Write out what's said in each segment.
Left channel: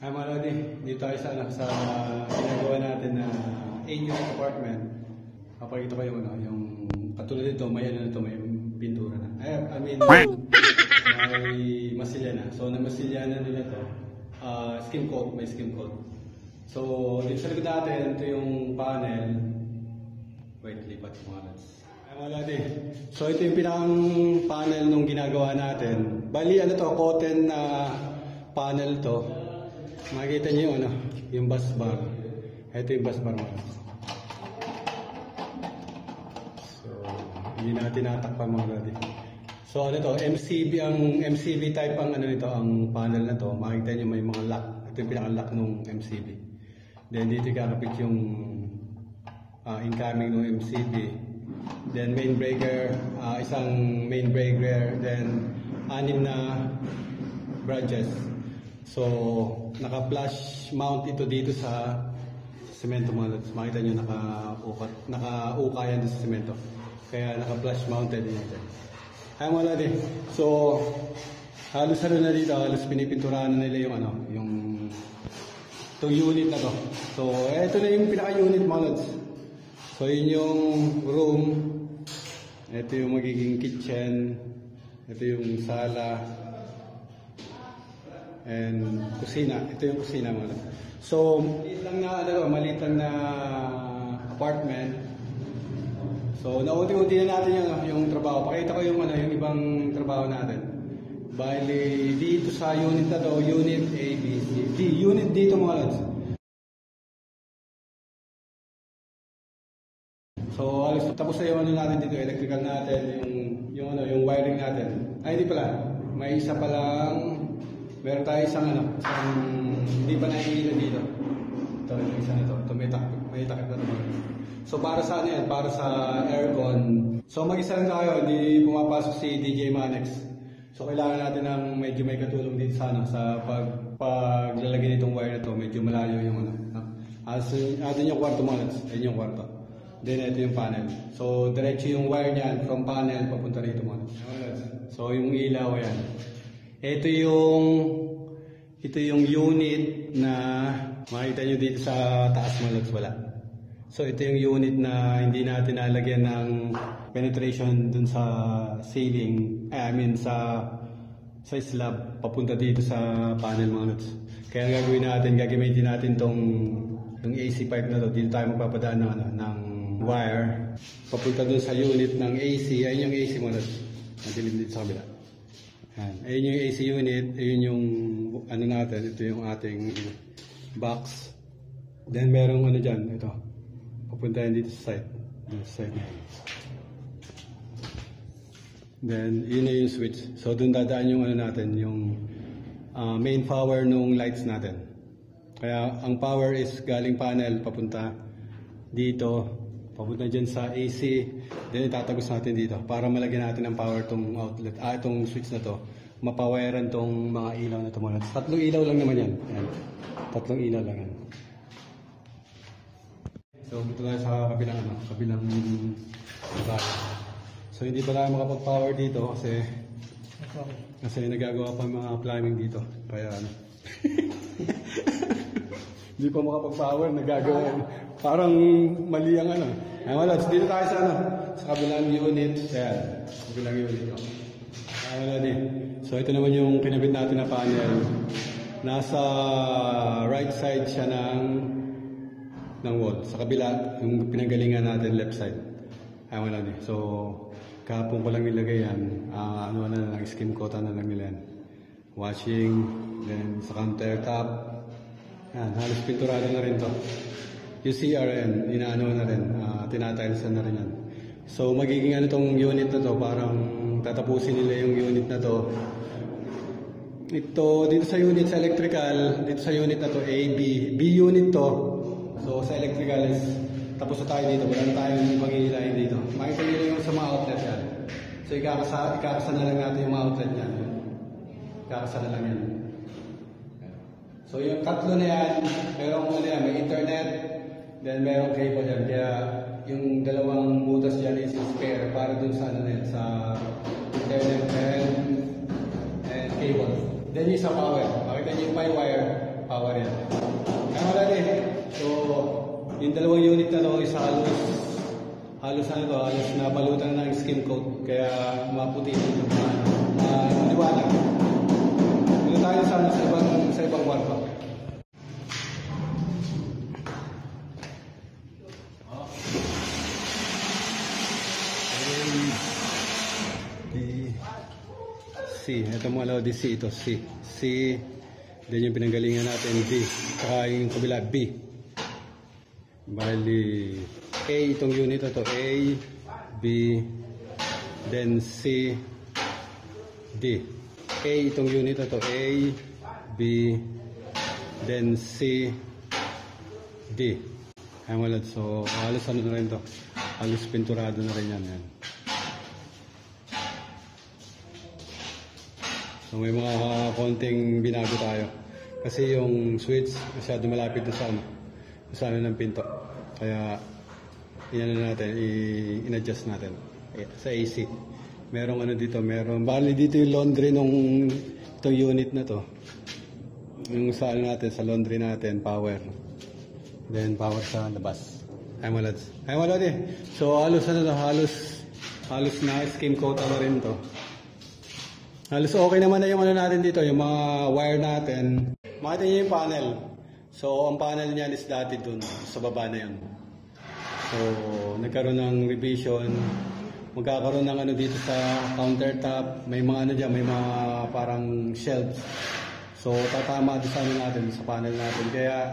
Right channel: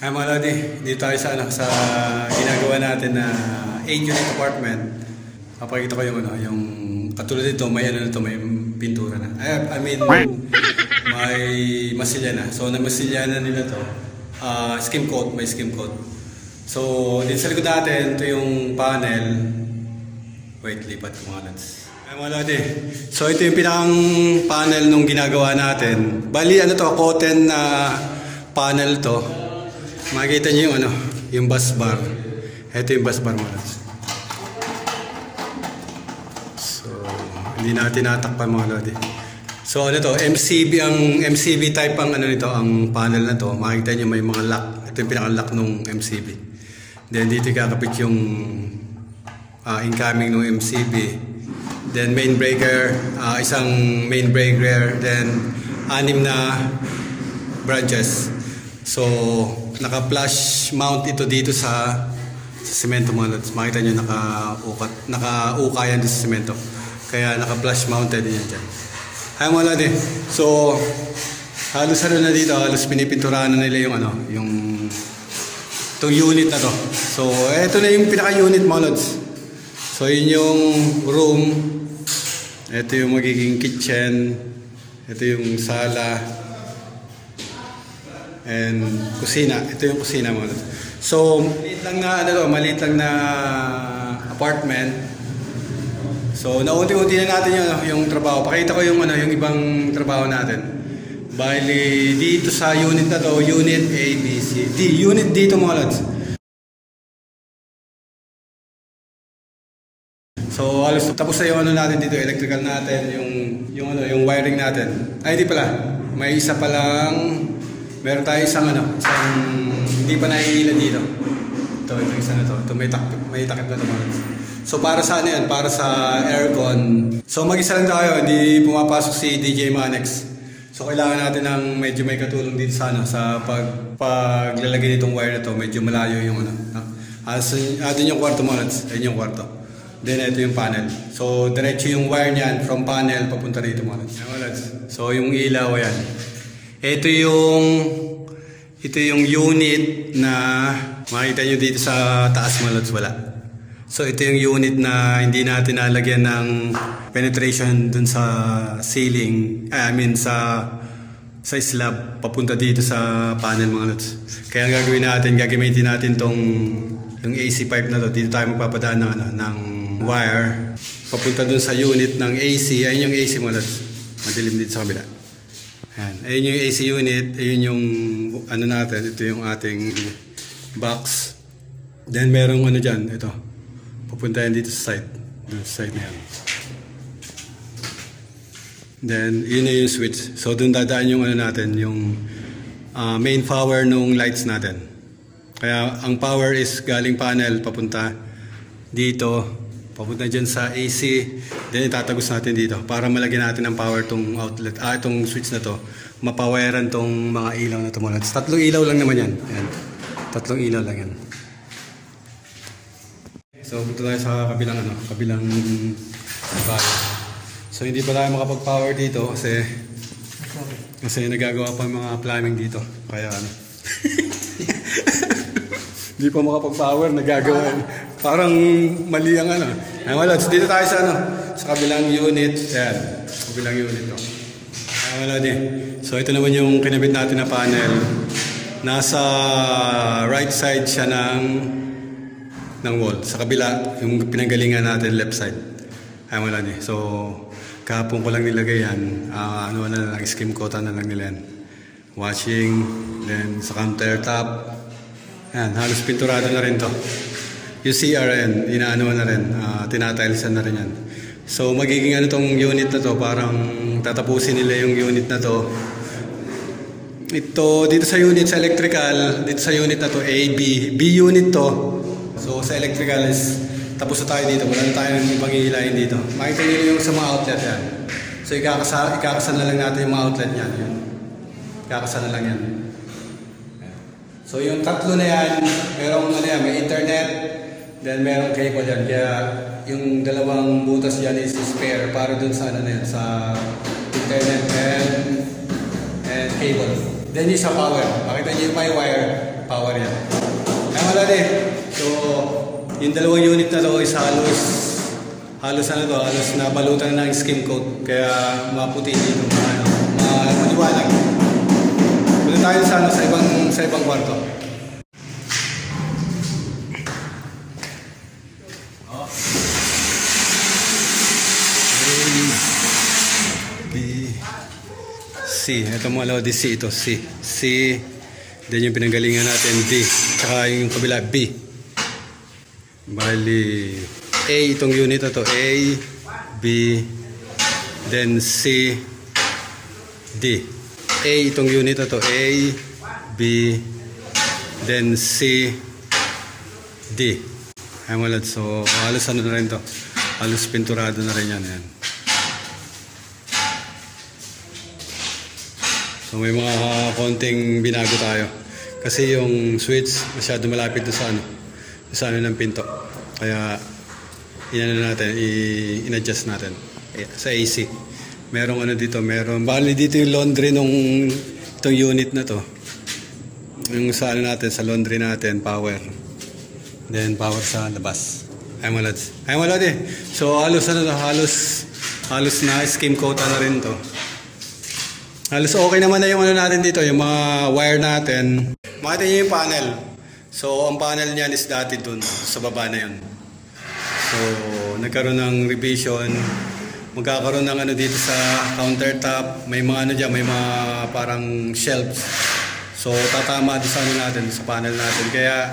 Ay mga lodi, dito tayo sa, sa ginagawa natin na 8-unit apartment. Papakita ko yung yung katulad nito, may may pintura na. I mean, may masilya na. So na masilya na nila to. Skim coat, may skim coat. So dito sa likod natin, ito yung panel. Wait, lipat ko mga lods. Ay mga lodi, so ito yung pinakang panel nung ginagawa natin. Bali to, cotton na panel to. Makikita nyo yung yung bus bar. Ito yung bus bar mga lods. So, hindi natin natakpan mga lodi. So to, MCB, ang MCB type ang nito, ang panel na to. Makikita nyo may mga lock. Ito yung pinaka-lock nung MCB. Then dito kakapit yung incoming nung MCB. Then main breaker, isang main breaker. Then 6 na branches. So, naka-flush mount ito dito sa semento mga lods. Makita nyo naka-uka yan sa semento. Kaya naka-flush mounted yan dyan. Ay mga lodi. So, halos na dito. Halos pinipinturahan na nila yung itong unit na to. So, ito na yung pinaka-unit mga lods. So, yun yung room. Ito yung magiging kitchen. Ito yung sala. And kusina. Ito yung kusina mga lods. So, maliit lang na apartment. So, naunti-unti na natin yung trabaho. Pakita ko yung ibang trabaho natin. Bali, dito sa unit na to, unit A, B, C, D. Unit dito mga lods. So, halos tapos na yung natin dito, electrical natin, yung wiring natin. Ay, di pala. May isa palang, meron tayo isang hindi pa naiilan dito. Ito isa na to. Ito may takip na to mga lods. So para sa yan? Para sa aircon. So mag-isa lang tayo, hindi pumapasok si DJ Manex. So kailangan natin ng medyo may katulong dito sa paglalagay nitong wire na to. Medyo malayo yung atin yung kwarto mga lods. Ayun yung kwarto. Then ito yung panel. So diretso yung wire niyan from panel papunta rito mga lods. So yung ilaw yan. Ito yung unit na makita nyo dito sa taas mga lods, wala. So ito yung unit na hindi natin nalagyan ng penetration dun sa ceiling, sa slab papunta dito sa panel mga lods. Kaya gagamitin natin yung AC pipe na to. Dito tayo magpapadaan ng wire papunta dun sa unit ng AC. Ayun yung AC mga lods. Madilim dito sa kabila. Ayun yung AC unit. Ayun yung natin. Ito yung ating box. Then merong dyan. Ito. Pupunta yan dito sa side. Sa side na yan. Then yun na yung switch. So dun dadaan yung natin. Yung main power nung lights natin. Kaya ang power is galing panel. Papunta dito. Papunta dyan sa AC. Then itatagos natin dito. Para malagyan natin ng power tong outlet. Itong switch na to. Mapawiran tong mga ilaw na to. 3 ilaw lang naman yan. Ayan. 3 ilaw lang yan. So punta tayo sa kabilang bahay. So hindi pa tayo makapag-power dito kasi nagagawa pa mga plumbing dito. Kaya hindi pa makapag-power, nagagawa. Parang mali ang Ay wala, so dito tayo sa kabilang unit. Ayan, kabilang unit to. Ay wala din. So ito naman yung kinabit natin na panel. Nasa right side siya ng wall. Sa kabila, yung pinanggalingan natin left side. Ay wala din. So kahapon ko lang nilagay yan. Skim coat na lang nila yan. Washing, then sa countertop. Ayan, halos pinturado na rin to. Yung CRN, na rin. Tinatilesan na rin yan. So magiging tong unit na to, parang tatapusin nila yung unit na to. Ito, dito sa unit sa electrical, dito sa unit na to, A, B. B unit to. So sa electrical is, tapos na tayo dito. Wala na tayo ng ibang ihilahin dito. Makita nyo yung sa mga outlet yan. So ikakasa na lang natin yung mga outlet yan. Ikakasa na lang yan. So yung 3 na yan, merong may internet, then merong cable yan. Kaya yung 2 butas yan is spare para dun sa sa internet and cable. Then yung sa power. Makita nyo yung may wire. power yan. Kaya wala din. So, yung dalawang unit na to is halos nabalutan na ng skim coat. Kaya maputi dito. Maliwanag. Punta tayo sa ibang kwarto. C. Ito mga lodi, C ito. C. Then yung pinanggalingan natin, D. Tsaka yung kabila, B. Bali, A itong unit na to. A, B, then C, D. A itong unit na to. A, B, then C, D. Ay mga lodi. So, halos ano na rin to. Halos pinturado na rin yan. Ayan. So may mga konting binago tayo. Kasi yung switch masyado malapit doon sa ano ng pinto. Kaya in-adjust natin sa AC. Merong ano dito, bali dito yung laundry itong unit na to. Yung sa ano natin, sa laundry natin, power. Then power sa labas. Ay malad eh. So halos na skim coat na rin to. Halos okay naman na yung ano natin dito, yung mga wire natin. Makita nyo yung panel. So, ang panel niyan is dati dun, sa baba na yun. So, nagkaroon ng revision. Magkakaroon ng ano dito sa countertop. May mga ano dyan, may mga parang shelves. So, tatama doon sa ano natin, sa panel natin. Kaya,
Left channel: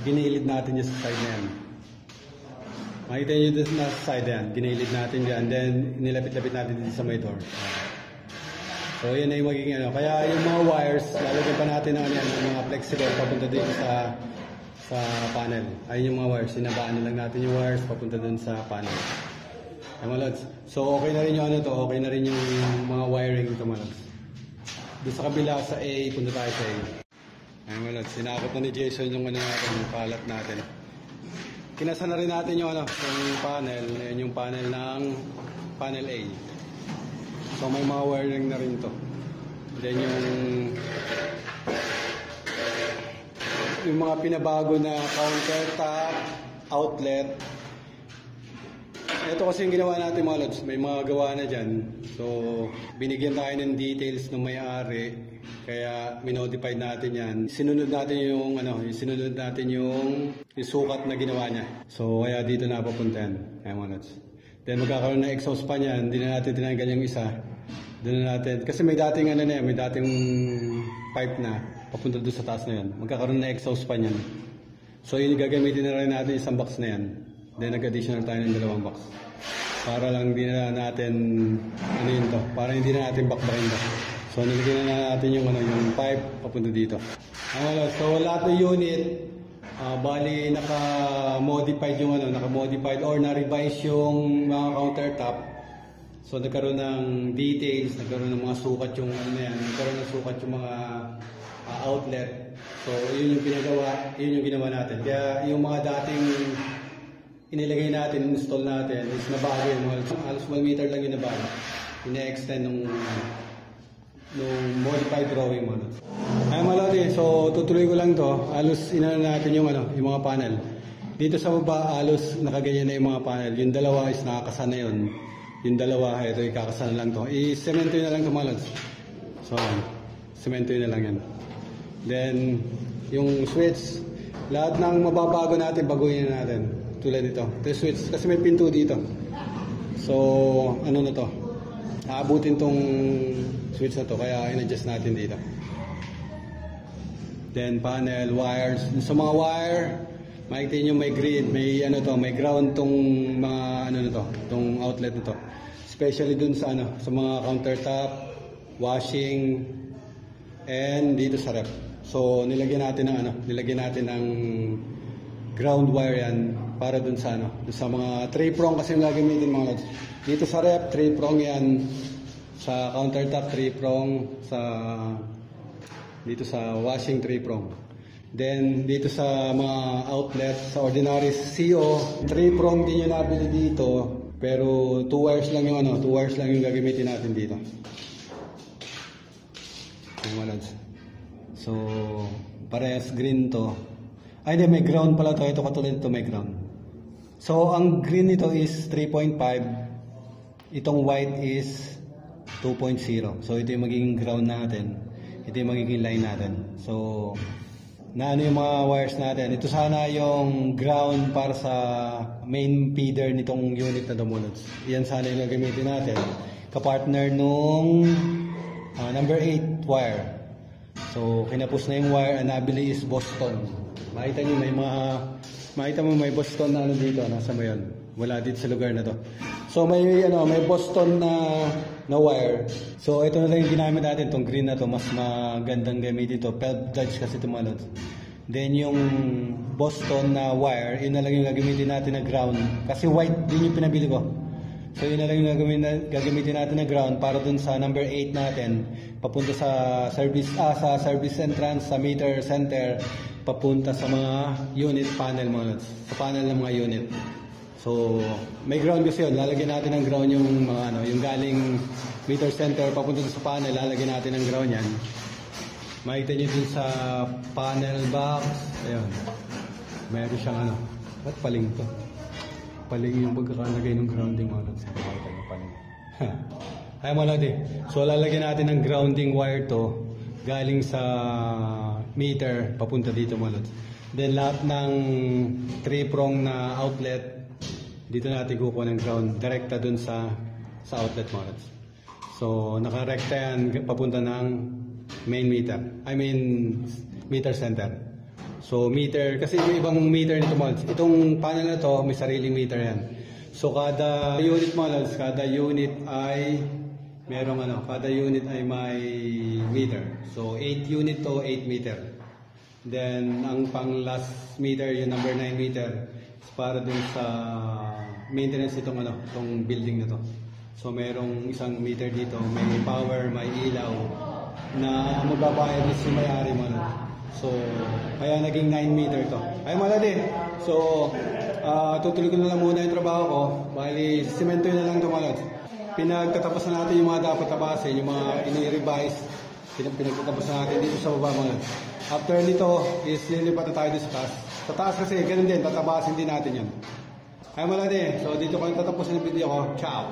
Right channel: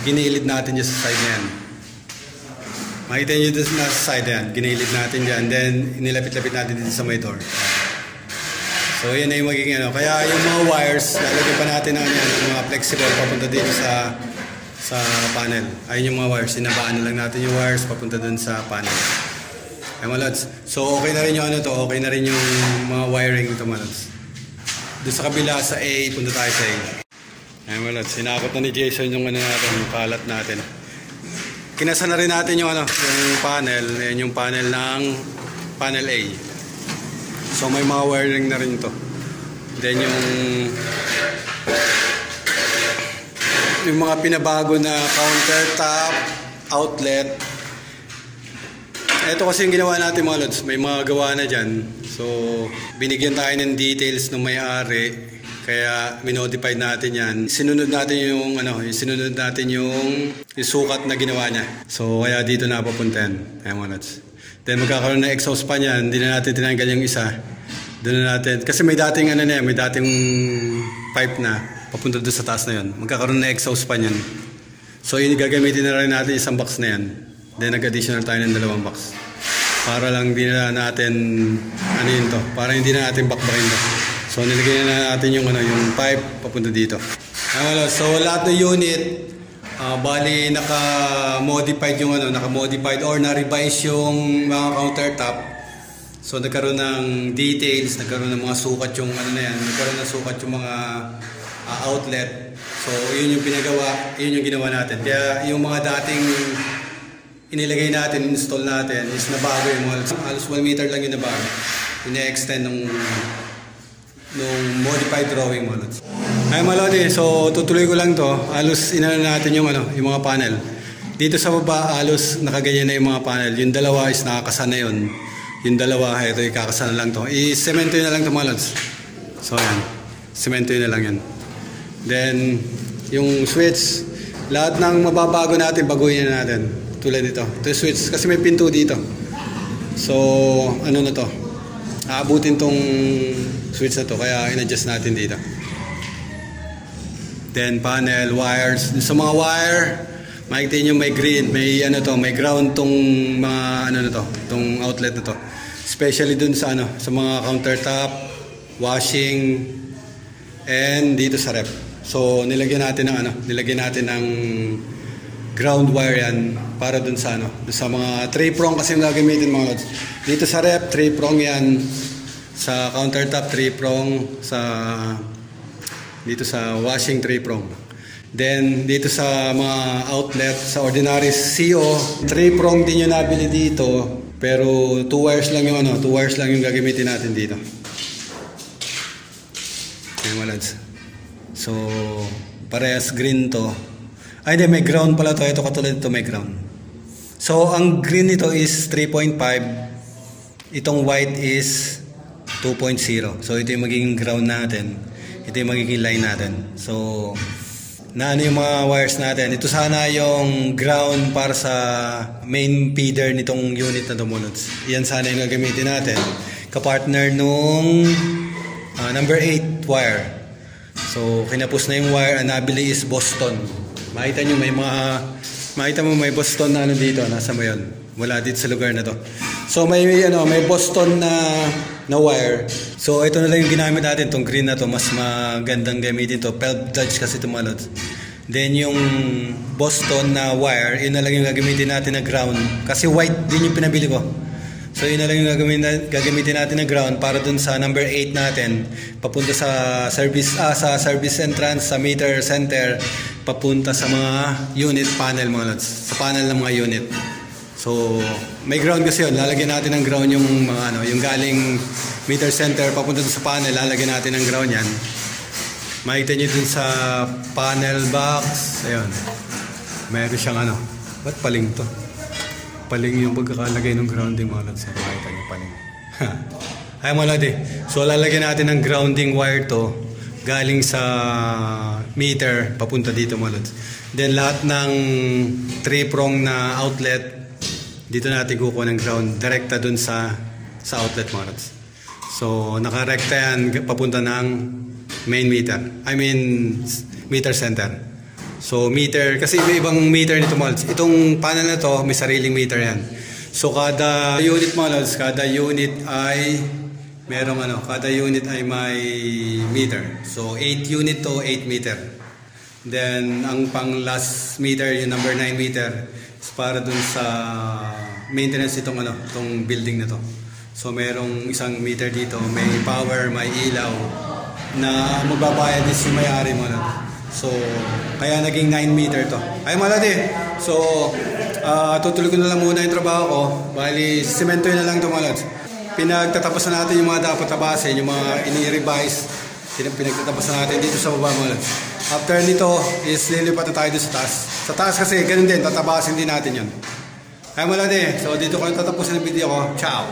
ginilid natin dyan sa side na yan. Makita nyo dun sa side na yan. Ginilid natin dyan. Then, inilapit-lapit natin dito sa may door. So yan na yung magiging ano. Kaya yung mga wires, lalagyan pa natin ng mga flexible papunta dito sa panel. Ayun yung mga wires, sinabaan lang natin yung wires papunta dun sa panel. Ay mga lods. So okay na rin yung ano to, okay na rin yung mga wiring ito mga lods. Doon sa kabila sa A, punta tayo sa A. Ay mga lods, sinakot na ni Jason yung ano natin, yung kalat natin. Kinasa na rin natin yung ano, yung panel. Yan yung panel ng panel A. So may mga wiring na rin to. Then yung mga pinabago na countertop, outlet. Ito kasi yung ginawa natin mga lods. May mga gawa na dyan. So binigyan tayo ng details ng may-ari. Kaya minodified natin yan. Sinunod natin yung sukat na ginawa niya. So kaya dito na papunta yan. Ayan mga lods. Then magkakaroon ng exhaust pa niyan, hindi na natin tinanggal yung isa. Doon na natin, kasi may dating ano na yan, may dating pipe na papunta doon sa taas na yun. Magkakaroon ng exhaust pa niyan. So yun, gagamitin na rin natin isang box na yan. Then nag-additional tayo ng 2 box. Para lang hindi na natin, ano yun to, para hindi na natin bakbakin to. So nilagay na natin yung pipe papunta dito. So lahat ng unit, bali naka-modified yung naka-modified or na-revise yung mga countertop. So nagkaroon ng details, nagkaroon ng mga sukat yung nagkaroon ng sukat yung mga outlet. So yun yung ginawa natin. Kaya yung mga dating inilagay natin, install natin is nabago yung halos 1 meter lang yung nabago. Ina-extend nung modified drawing mo. Ay malodi, so tutuloy ko lang to. Halos inano natin yung mga panel. Dito sa baba, halos nakaganyan na yung mga panel. Yung dalawa is nakakasana yun. Yung dalawa, ito ikakasana lang to. I-semento na lang to mga lods. So yan, semento na lang yan. Then, yung switch, lahat ng mababago natin, baguhin na natin. Tulad dito. Ito yung switch, kasi may pinto dito. So, ano na to? Aabutin tong switch na to, kaya in-adjust natin dito. Then panel, wires. Sa mga wire, makikita nyo may grid, may ground tong mga tong outlet na to. Especially dun sa sa mga countertop, washing, and dito sa rep. So nilagyan natin ng ground wire yan para dun sa sa mga 3-prong kasi yung gagamitin mga lods. Dito sa rep, 3-prong yan. Sa countertop, 3-prong. Dito sa washing, 3-prong. Then dito sa mga outlet, sa ordinary CO, 3-prong din yung nabili dito. Pero 2 wires lang yung 2 wires lang yung gagamitin natin dito. Ayan mga lods. So Parehas green to. Ay, di, may ground pala to. Ito katulad ito, may ground. So, ang green nito is 3.5. Itong white is 2.0. So, ito yung magiging ground natin. Ito yung magiging line natin. So, na ano yung mga wires natin. Ito sana yung ground para sa main feeder nitong unit na tumulods. Yan sana yung gagamitin natin. Kapartner nung number 8 wire. So, kinapos na yung wire. Ang nabili is Boston. Makita nyo may Boston na ano dito. Nasa mo yun. Wala dito sa lugar na to. So, may Boston na wire. So, ito na lang yung ginamit natin. Itong green na to. Mas magandang gamitin to. Pelb Dodge kasi tumalods. Then, yung Boston na wire, yun na lang yung gagamitin natin na ground. Kasi white din yung pinabili ko. So, yun na lang yung gagamitin natin na ground para dun sa number 8 natin. Papunta sa service entrance, sa meter center. Papunta sa mga unit panel mga lods. Sa panel ng mga unit. So, may ground kasi yun. Lalagyan natin ng ground yung mga yung galing meter center papunta sa panel. Lalagyan natin ng ground yan. Makita nyo dun sa panel box. Ayun. Mayroon siyang ba't paling to? Paling yung pagkakalagay ng grounding mga lods. Makita nyo paling. Ay mga lods. So, lalagyan natin ng grounding wire to. Galing sa meter papunta dito mga lods. Then, lahat ng 3-prong na outlet dito natin kukuha ng ground direkta dun sa outlet mga lods. So, nakarekta yan papunta ng main meter. I mean, meter center. So, meter, kasi may ibang meter nito mga lods. Itong panel na to, may sariling meter yan. So, kada unit mga lods, kada unit ay kada unit ay may meter. So, 8 unit to 8 meter. Then, ang pang last meter, yung number 9 meter, is para dun sa maintenance itong building na to. So merong isang meter dito, may power, may ilaw na magbabayad is yung may-ari mo na. So kaya naging 9 meter to. Ay malati. So tutuloy ko na lang muna yung trabaho ko. Bali semento na lang to mga lods. Pinagtatapos na natin yung mga dapat tabasin, yung mga ini-revise. Pinagtatapos na natin dito sa baba mga lods. After nito is lilipat na tayo sa taas. Sa taas kasi ganun din, tatabasin din natin yun. Ay malati. So dito ko yung tatapusin ng video ko. Ciao!